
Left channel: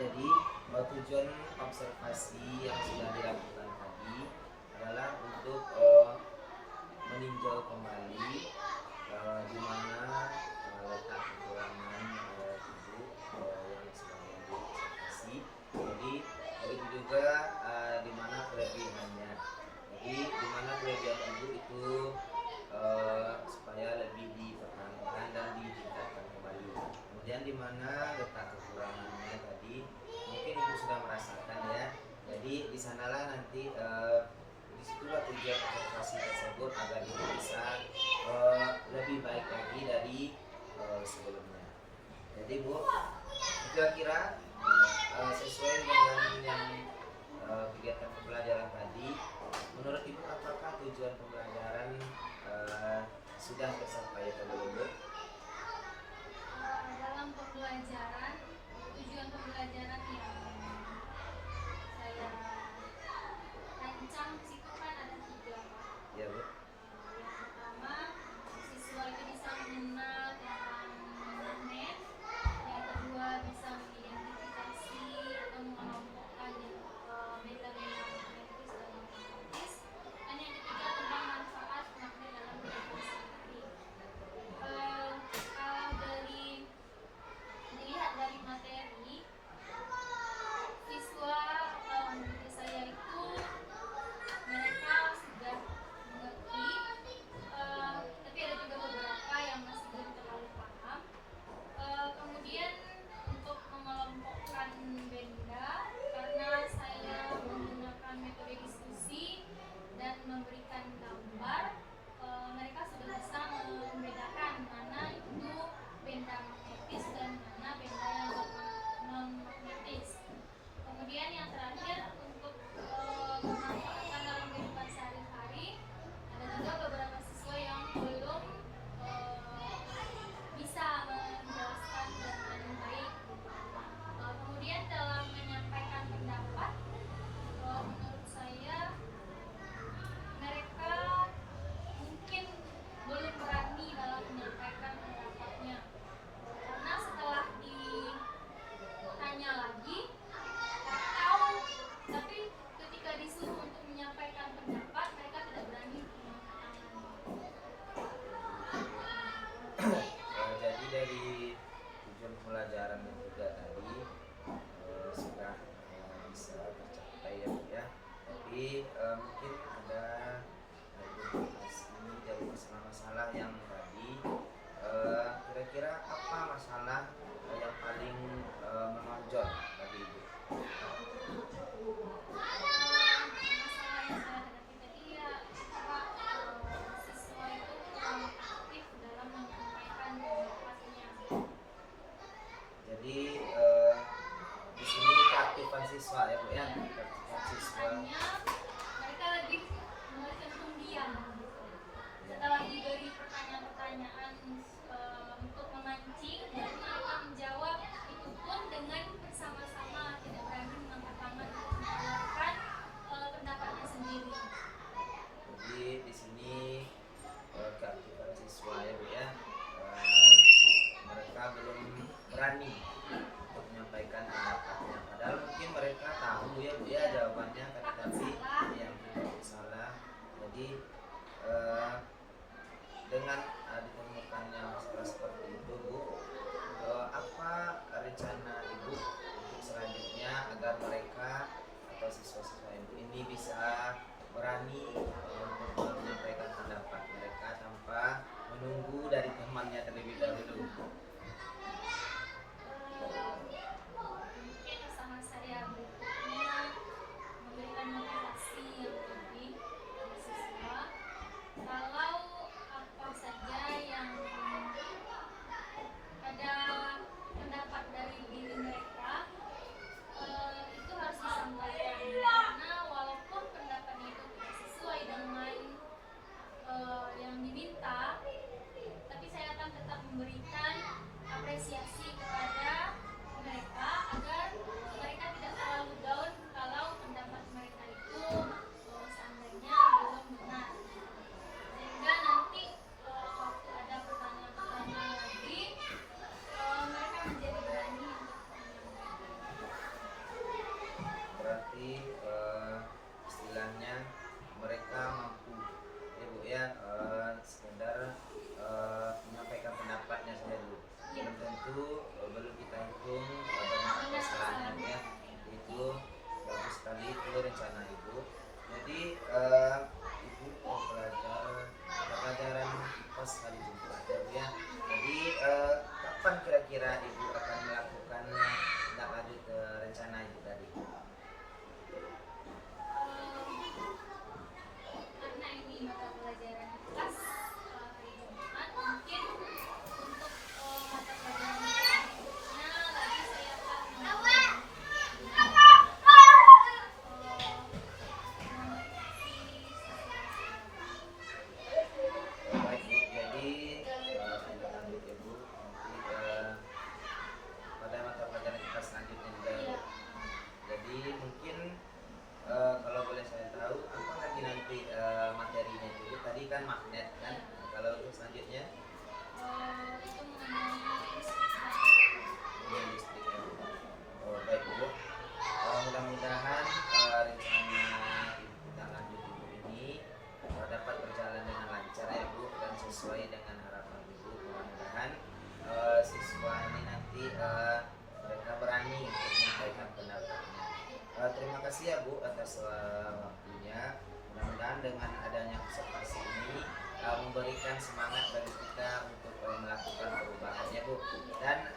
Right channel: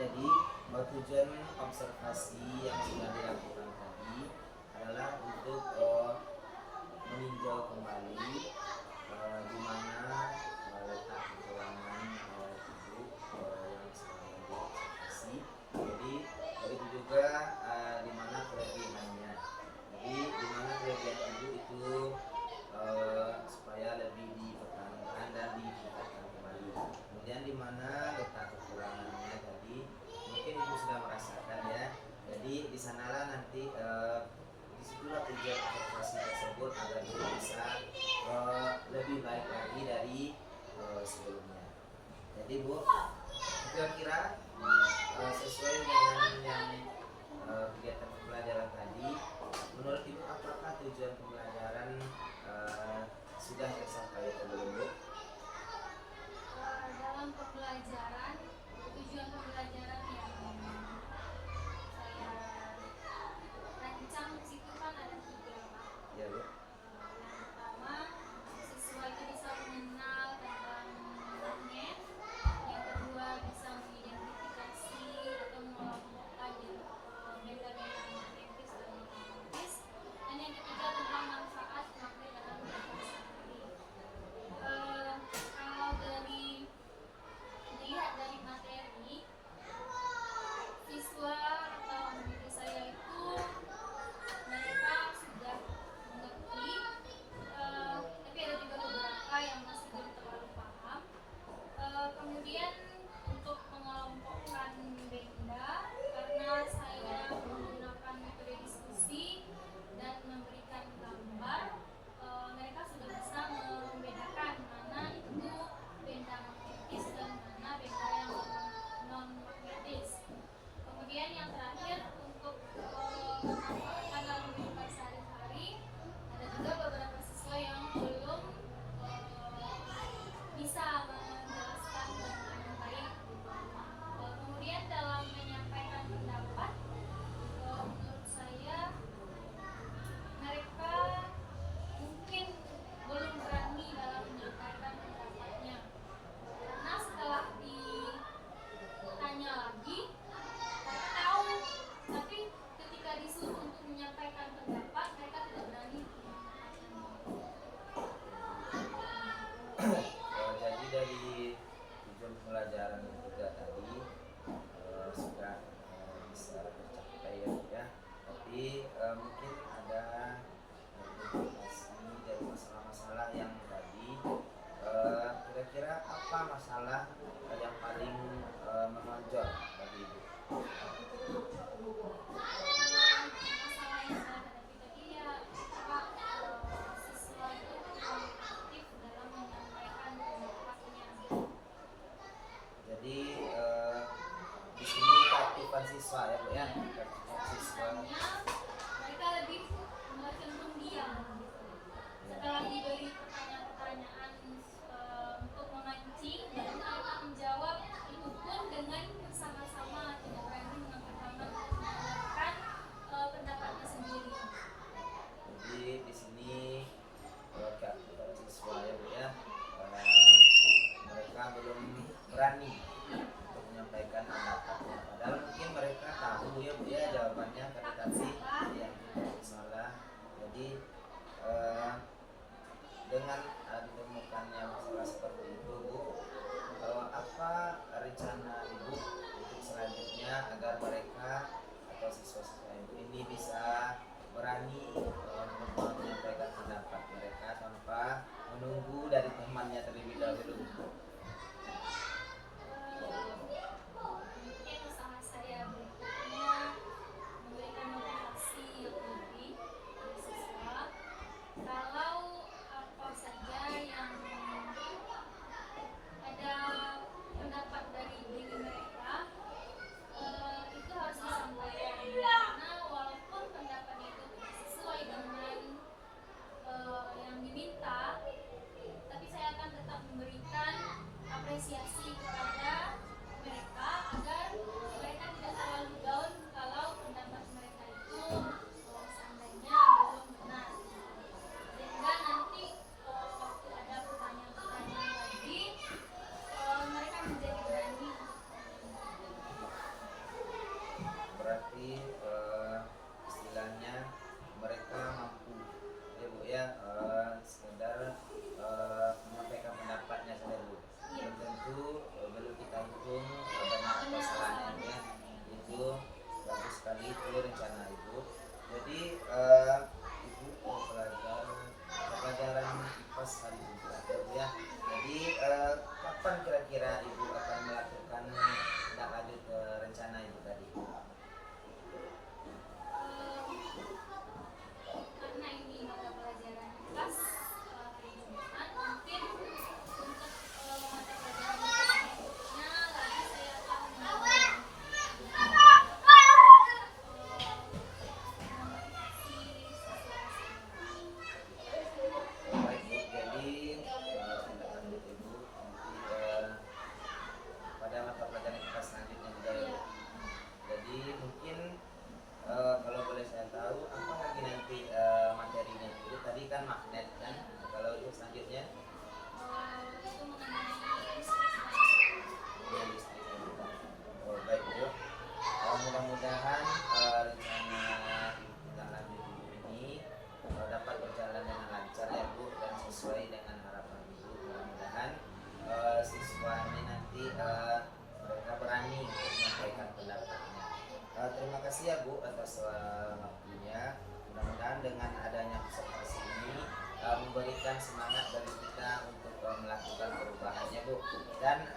Jadi tujuan observasi yang sudah dilakukan tadi adalah untuk meninjau kembali di mana letak kekurangan ibu yang sedang diobservasi. Jadi itu juga di mana kelebihannya. Jadi di mana kelebihan ibu itu supaya lebih dipertahankan dan ditingkatkan kembali. Kemudian di mana letak kekurangannya tadi mungkin ibu sudah merasakan ya. Jadi di sanalah nanti disitulah tujuan observasi tersebut agar ibu bisa lebih baik lagi dari sebelumnya. Jadi Bu, kira-kira sesuai dengan yang kegiatan pembelajaran tadi, menurut Ibu apakah tujuan pembelajaran sudah tercapai atau belum Bu? Dalam pembelajaran, tujuan pembelajaran yang saya rancang di situ kan ada 3. Ya Bu. Yang pertama, siswa itu bisa mengenal tentang magnet. Yang kedua, bisa mengidentifikasi atau mengelompokkan benda-benda magnetis dan non-magnetis. Dan yang ketiga, tentang manfaat magnet dalam kehidupan sehari-hari. Kalau dari pelajaran yang tiga tadi sudah bisa tercapai ya Bu ya. Tapi mungkin ada identifikasi dari masalah-masalah yang tadi. Kira-kira apa masalah yang paling menonjol bagi Ibu? Masalah yang saya hadapi tadi ya Pak, siswa itu kurang aktif dalam menyampaikan pendapatnya. Jadi di sini keaktifan siswa ya Bu ya, keaktifan siswa. Biasanya mereka lebih cenderung diam gitu. Setelah diberi pertanyaan-pertanyaan untuk memancing, baru mereka menjawab, itu pun dengan bersama-sama, tidak berani mengangkat tangan untuk mengeluarkan pendapatnya sendiri. Jadi di sini keaktifan siswa ya Bu ya, mereka belum berani untuk menyampaikan pendapatnya. Padahal mungkin mereka tahu ya Bu ya jawabannya, tapi yang salah. Jadi dengan ditemukannya masalah seperti itu Bu, apa rencana Ibu untuk selanjutnya agar mereka atau siswa-siswa Ibu ini bisa berani untuk menyampaikan pendapat mereka tanpa menunggu dari temannya terlebih dahulu? Mungkin usaha saya berikutnya memberikan motivasi yang lebih pada siswa. Kalau apa saja yang ada pendapat dari diri mereka, itu harus disampaikan, karena walaupun pendapatnya itu tidak sesuai dengan yang diminta, tapi saya akan tetap memberikan apresiasi kepada mereka agar mereka tidak terlalu down kalau pendapat mereka itu seandainya belum benar, sehingga nanti waktu ada pertanyaan-pertanyaan lagi mereka menjadi berani untuk Berarti istilahnya mereka mampu ya Bu ya, sekedar menyampaikan pendapatnya saja dulu. Belum tentu belum kita hitung banyak kesalahannya Bu ya. Itu bagus sekali itu rencana Ibu. Jadi Ibu mau belajar pelajaran IPA sekali juga ya Bu ya. Jadi kapan kira-kira Ibu akan melakukan tindak lanjut rencana Ibu tadi? karena ini mata pelajaran kelas hari Jumat, mungkin untuk mata pelajaran berikutnya lagi saya akan Baik Bu, jadi tindak lanjut Ibu nanti pada mata pelajaran kita selanjutnya juga ya Bu. Jadi mungkin kalau boleh saya tahu apa lagi nanti materinya itu tadi kan magnet kan, kalau untuk selanjutnya itu mengenai listrik dan dunia listrik ya Bu. Baik Bu, mudah-mudahan rencana tindak lanjut Ibu ini dapat berjalan dengan lancar ya Bu, dan sesuai dengan harapan Ibu. Mudah-mudahan siswa ini nanti mereka berani untuk menyampaikan pendapatnya. Terima kasih ya Bu atas waktunya. Mudah-mudahan dengan adanya observasi ini memberikan semangat bagi kita untuk melakukan perubahan ya Bu. Dan